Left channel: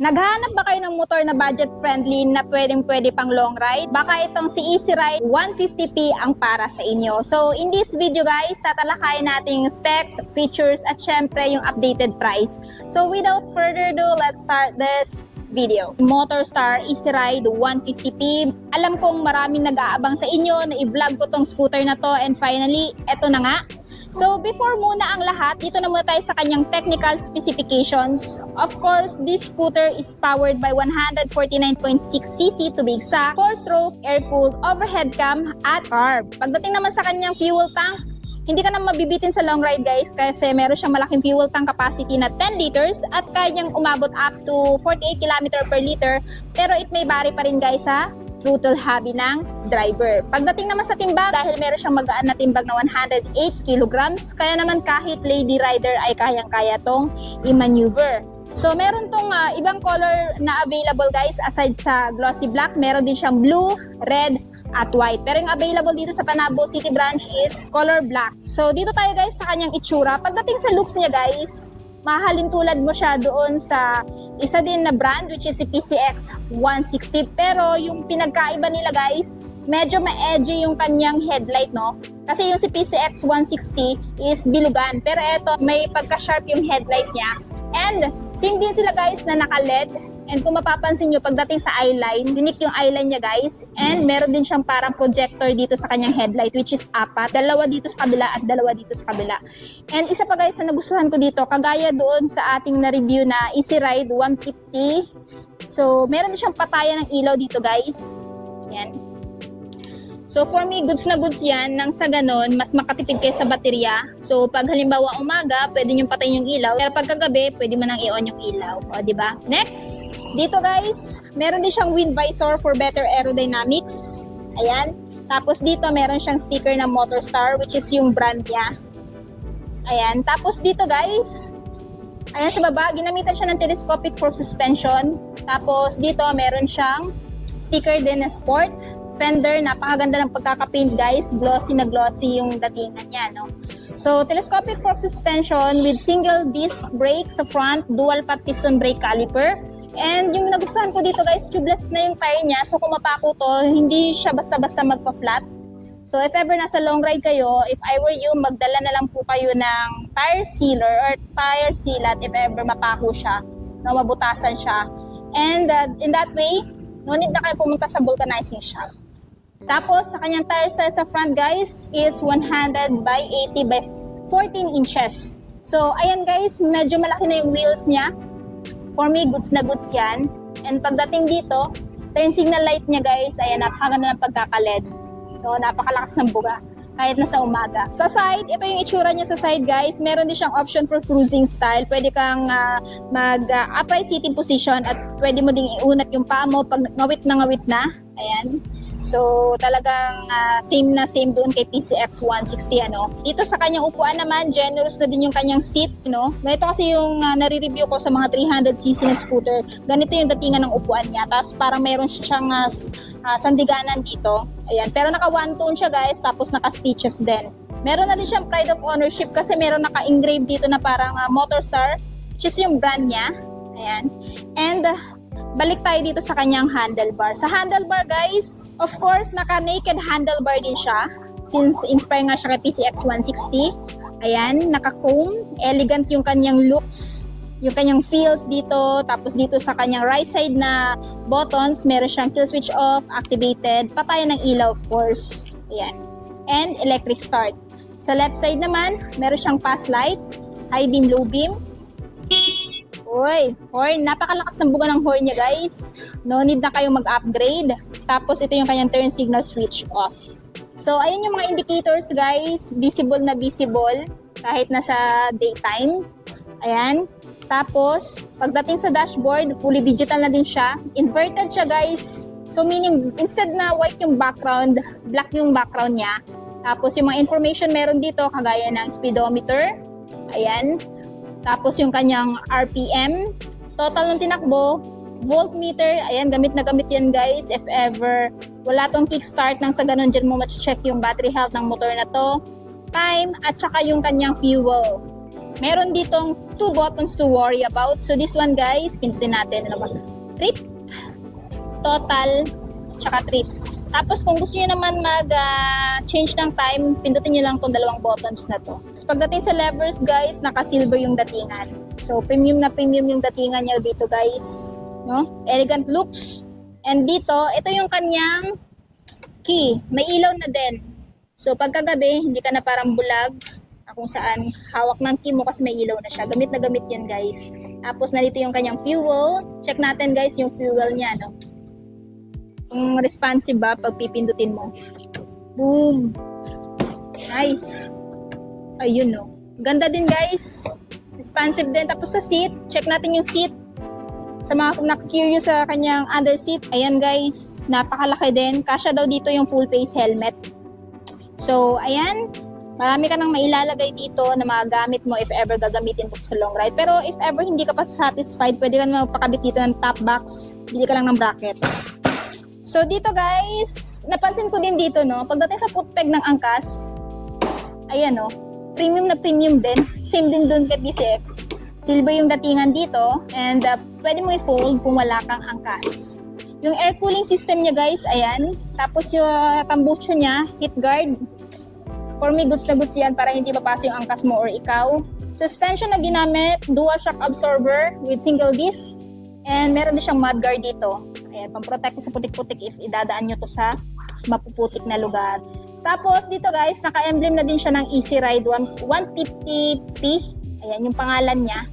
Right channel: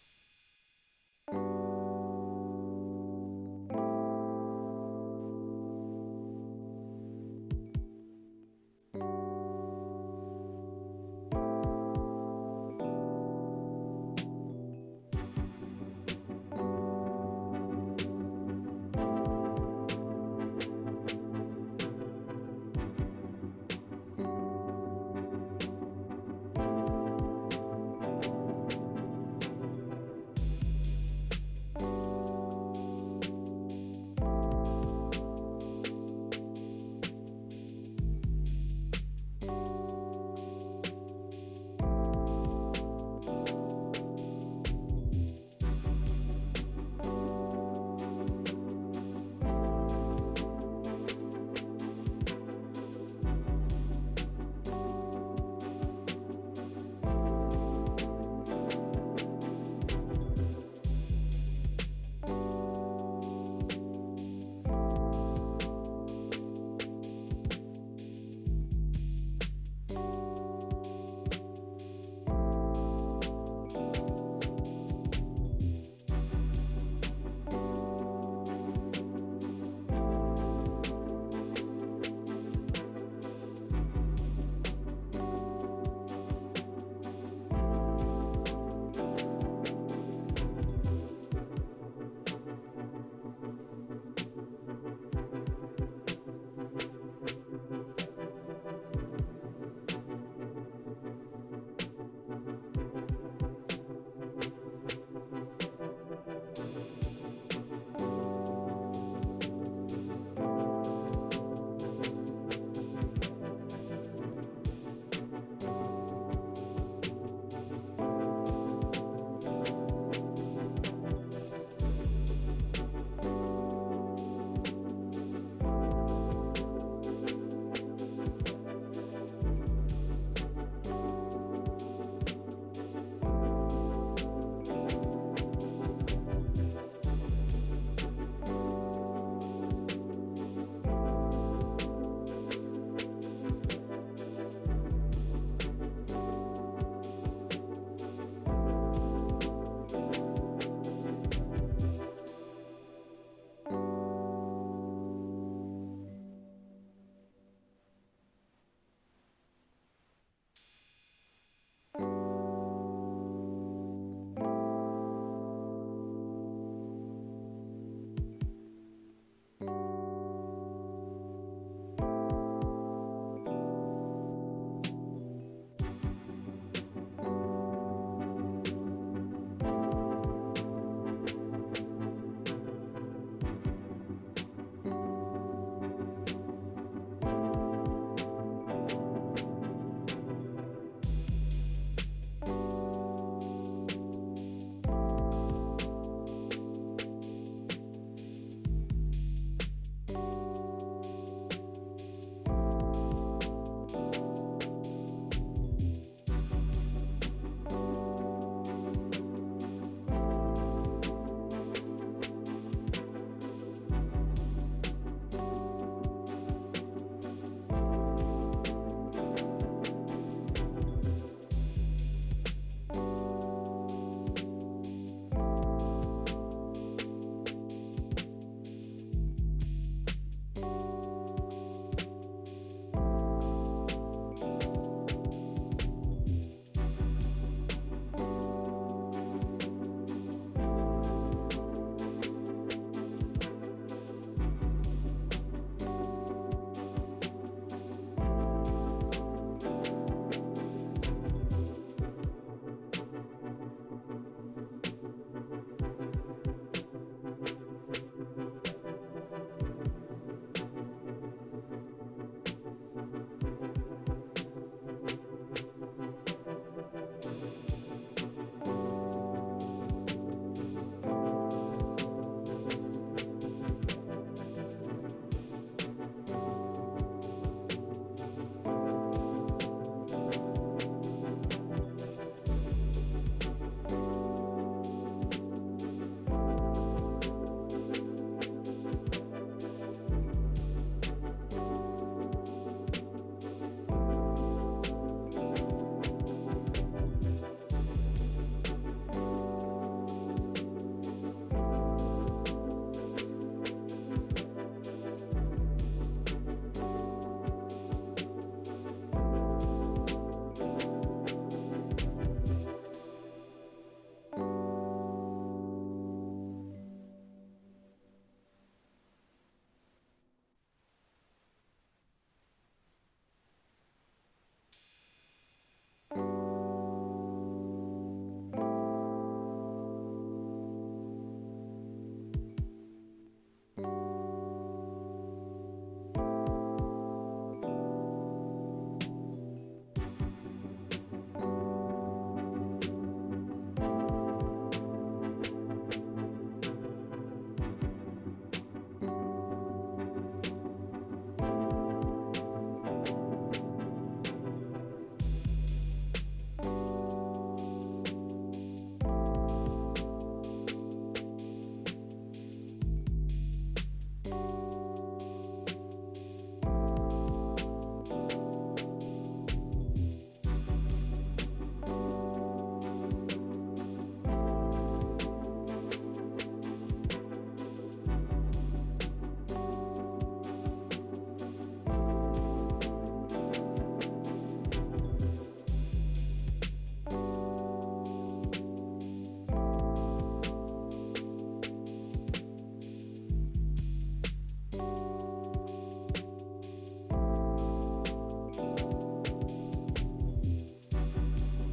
Naghahanap ba kayo ng motor na budget-friendly na pwedeng-pwede pang long ride? Baka itong si Easy Ride 150p ang para sa inyo. So, in this video guys, tatalakayin natin yung specs, features, at syempre yung updated price. So, without further ado, let's start this video. Motorstar Easy Ride 150p. Alam kong maraming nag-aabang sa inyo na i-vlog ko tong scooter na to, and finally, eto na nga. So before muna ang lahat, dito na muna tayo sa kanyang technical specifications. Of course, this scooter is powered by 149.6cc to be exact, 4-stroke, air-cooled, overhead cam, at carb. Pagdating naman sa kanyang fuel tank, hindi ka na mabibitin sa long ride guys kasi meron siyang malaking fuel tank capacity na 10 liters at kaya niyang umabot up to 48 km per liter, pero it may vary pa rin guys sa throttle hobby ng driver. Pagdating naman sa timbang, dahil meron siyang magaan na timbang na 108 kilograms, kaya naman kahit lady rider ay kayang-kaya tong i-maneuver. So meron tong ibang color na available guys aside sa glossy black, meron din siyang blue, red, at white. Pero yung available dito sa Panabo City branch is color black. So dito tayo guys sa kanyang itsura. Pagdating sa looks niya guys, mahalin tulad mo siya doon sa isa din na brand which is si PCX 160, pero yung pinagkaiba nila guys, medyo ma-edgy yung kanyang headlight, no? Kasi yung si PCX 160 is bilugan, pero eto may pagka-sharp yung headlight niya. And same din sila guys na naka-LED. And kung mapapansin nyo, pagdating sa eyeline, unique yung eyeline niya guys. And meron din siyang parang projector dito sa kanyang headlight which is apat. Dalawa dito sa kabila at dalawa dito sa kabila. And isa pa guys na nagustuhan ko dito, kagaya doon sa ating na-review na Easy Ride 150. So meron din siyang patayan ng ilaw dito guys. Yan. So for me, goods na goods yan. Nang sa ganon, mas makatipid kayo sa baterya. So pag halimbawa umaga, pwede nyo patayin yung ilaw. Pero pag kagabi, pwede mo nang i-on yung ilaw. O, diba? Next, dito guys, meron din siyang wind visor for better aerodynamics. Ayan. Tapos dito, meron siyang sticker na Motorstar, which is yung brand niya. Ayan. Tapos dito guys, ayan sa baba, ginamitan siya ng telescopic for suspension. Tapos dito, meron siyang sticker din na sport. Fender, napakaganda ng pagkakapaint guys, glossy na glossy yung datingan niya, no? So, telescopic fork suspension with single disc brake sa front, dual path piston brake caliper. And yung nagustuhan ko dito guys, tubeless na yung tire niya, so kung mapako to, hindi siya basta-basta magpa-flat. So, if ever nasa long ride kayo, if I were you, magdala na lang po kayo ng tire sealer or tire sealant if ever mapako siya, no, mabutasan siya. And in that way, no need na kayo pumunta sa vulcanizing shop. Tapos, sa kanyang tire size sa front guys is 100 by 80 by 14 inches. So, ayan guys, medyo malaki na yung wheels niya. For me, goods na goods yan. And pagdating dito, turn signal light niya guys, ayan, napakaganda ng pagkaka-LED. So, napakalakas ng buga kahit nasa umaga. Sa side, ito yung itsura niya sa side guys. Meron din siyang option for cruising style. Pwede kang mag-upright sitting position at pwede mo ding iunat yung paa mo pag ngawit na ngawit na. Ayan. So, talagang same na same doon kay PCX 160, ano. Dito sa kanyang upuan naman, generous na din yung kanyang seat, no. Ganito kasi yung nare-review ko sa mga 300cc na scooter. Ganito yung datingan ng upuan niya. Tapos parang meron siyang sandiganan dito. Ayan. Pero naka one tone siya guys, tapos naka stitches din. Meron na din siyang pride of ownership kasi meron naka-engrave dito na parang Motorstar, which is yung brand niya. Ayan. And balik tayo dito sa kanyang handlebar. Sa handlebar guys, of course, naka-naked handlebar din siya since inspire nga siya kay PCX 160. Ayan, naka-chrome. Elegant yung kanyang looks, yung kanyang feels dito. Tapos dito sa kanyang right side na buttons, meron siyang kill switch off, activated, patayan ng ilaw of course. Ayan. And electric start. Sa left side naman, meron siyang pass light, high beam, low beam. Uy, horn. Napakalakas ng buga ng horn niya guys. No need na kayong mag-upgrade. Tapos ito yung kanyang turn signal switch off. So ayun yung mga indicators guys. Visible na visible kahit nasa daytime. Ayan. Tapos pagdating sa dashboard, fully digital na din siya. Inverted siya guys. So meaning instead na white yung background, black yung background niya. Tapos yung mga information meron dito kagaya ng speedometer. Ayan. Tapos yung kanyang RPM, total ng tinakbo, voltmeter, ayan, gamit na gamit yan guys. If ever wala tong kickstart nang sa ganun dyan mo ma-check yung battery health ng motor na to. Time, at saka yung kanyang fuel. Meron ditong 2 buttons to worry about. So this one guys, pindutin natin. Ano ba? Trip, total, tsaka trip. Tapos kung gusto nyo naman mag-change ng time, pindutin nyo lang itong dalawang buttons na to. So, pagdating sa levers guys, naka-silver yung datingan. So premium na premium yung datingan niya dito guys. No? Elegant looks. And dito, ito yung kanyang key. May ilaw na din. So pagkagabi, hindi ka na parang bulag kung saan hawak ng key mo kasi may ilaw na siya. Gamit na gamit yan guys. Tapos narito yung kanyang fuel. Check natin guys yung fuel niya. No? Kung responsive ba pag pipindutin mo. Boom! Nice! Ayun no. Ganda din guys. Responsive din. Tapos sa seat, check natin yung seat. Sa mga na-curious sa kanyang under seat, ayan guys, napakalaki din. Kasya daw dito yung full face helmet. So, ayan. Marami ka nang mailalagay dito na mga gamit mo if ever gagamitin mo sa long ride. Pero if ever hindi ka pa satisfied, pwede ka naman magpakabit dito ng top box. Bili ka lang ng bracket. So dito guys, napansin ko din dito no, pagdating sa foot peg ng angkas, ayan no, premium na premium din. Same din dun kay PCX. Silver yung datingan dito and pwede mo i-fold kung wala kang angkas. Yung air cooling system niya guys, ayan. Tapos yung tambucho niya, heat guard. For me, goods na goods yan para hindi mapasok yung angkas mo or ikaw. Suspension na ginamit, dual shock absorber with single disc. And meron din siyang mud guard dito. Ayan, pang-protect sa putik-putik if idadaan nyo to sa mapuputik na lugar. Tapos dito guys, naka-emblem na din siya ng Easy Ride 150P. Ayan yung pangalan niya.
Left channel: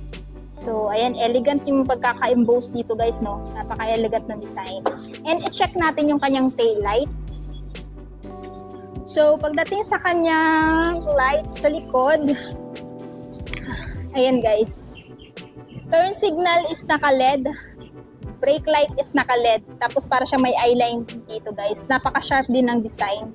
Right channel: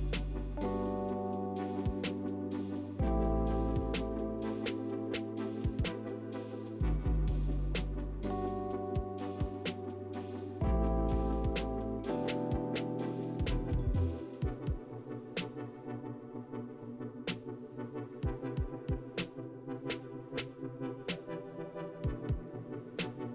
So, ayan, elegant yung pagkaka-emboss dito guys, no? Napaka-elegant na design. And i-check natin yung kanyang tail light. So, pagdating sa kanyang lights sa likod, ayan guys. Turn signal is naka-LED. Brake light is naka-LED. Tapos para siya may eyeline dito guys. Napaka-sharp din ng design.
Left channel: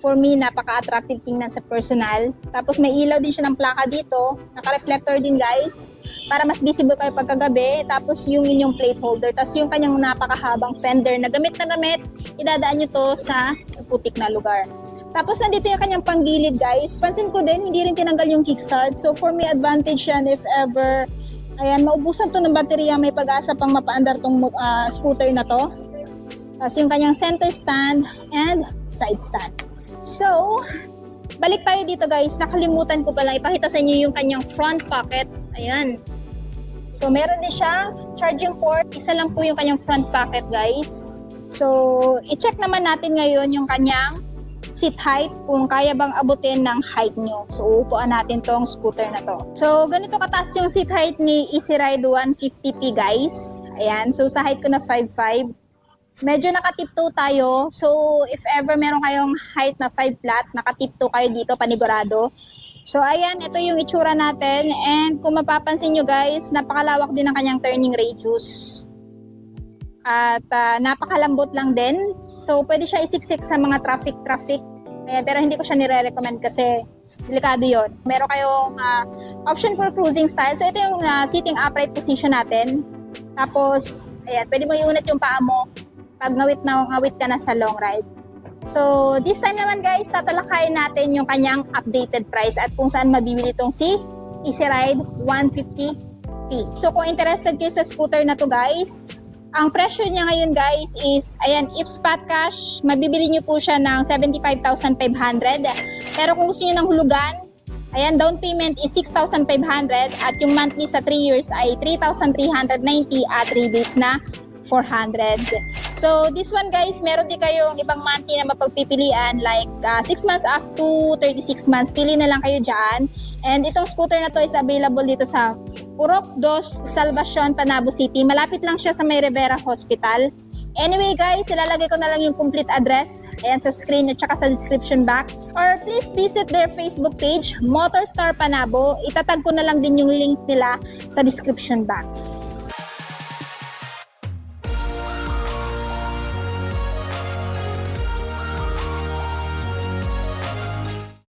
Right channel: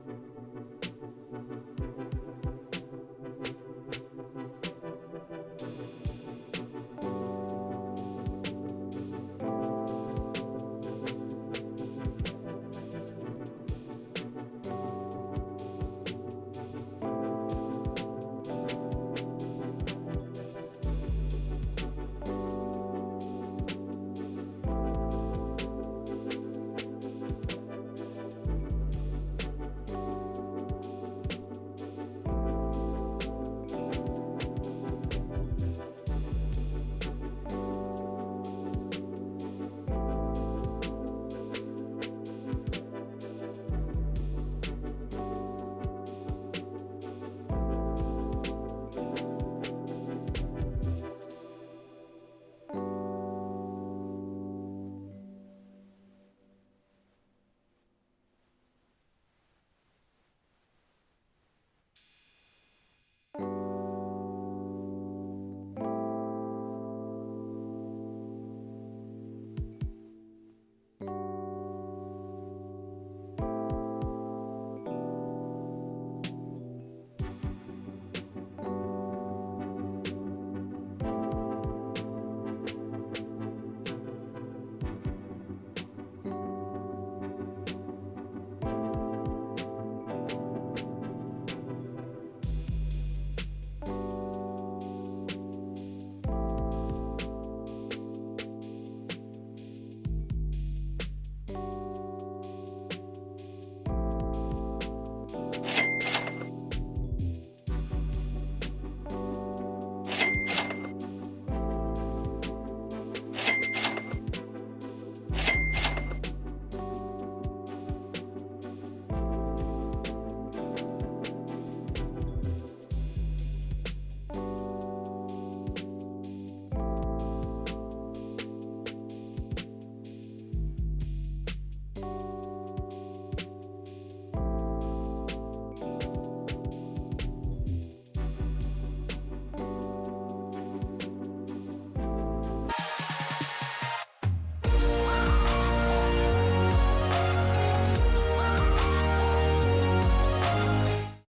For me, napaka-attractive tingnan sa personal. Tapos may ilaw din siya ng plaka dito. Naka-reflector din guys. Para mas visible kayo pagkagabi. Tapos yung inyong plate holder. Tapos yung kanyang napakahabang fender na gamit, idadaan nyo to sa putik na lugar. Tapos nandito yung kanyang panggilid guys. Pansin ko din, hindi rin tinanggal yung kickstart. So for me, advantage yan if ever ayan, maubusan to ng baterya, may pag-asa pang mapaandar tong scooter na to. Tapos yung kanyang center stand and side stand. So, balik tayo dito guys. Nakalimutan ko pala ipakita sa inyo yung kanyang front pocket. Ayan. So, meron din siyang charging port. Isa lang po yung kanyang front pocket guys. So, i-check naman natin ngayon yung kanyang seat height, kung kaya bang abutin ng height nyo. So, uupuan natin tong scooter na to. So, ganito kataas yung seat height ni Easy Ride 150P guys. Ayan. So, sa height ko na 5'5". Medyo naka-tiptoe tayo. So, if ever meron kayong height na 5 flat, naka-tiptoe kayo dito, panigurado. So, ayan. Ito yung itsura natin. And kung mapapansin nyo guys, napakalawak din ang kanyang turning radius. At napakalambot lang din. So, pwede siya isiksik sa mga traffic. Pero hindi ko siya nire-recommend kasi delikado yon. Meron kayong option for cruising style. So, ito yung sitting upright position natin. Tapos, ayan, pwede mo iunat yung paa mo pag ngawit ka na sa long ride. So, this time naman guys, tatalakayin natin yung kanyang updated price at kung saan mabibili itong si Easy Ride 150P. So, kung interested kayo sa scooter na to guys, ang presyo niya ngayon guys is, ayan, if spot cash, mabibili nyo po siya ng 75,500. Pero kung gusto nyo ng hulugan, ayan, down payment is 6,500 at yung monthly sa 3 years ay 3,390 at 3 days na 400. So, this one guys, meron din kayong ibang monthly na mapagpipilian like 6 months up to 36 months. Pili na lang kayo dyan. And itong scooter na to is available dito sa Purok 2, Salvacion, Panabo City. Malapit lang siya sa May Rivera Hospital. Anyway guys, ilalagay ko na lang yung complete address ayan sa screen at saka sa description box. Or please visit their Facebook page, Motorstar Panabo. Itatag ko na lang din yung link nila sa description box.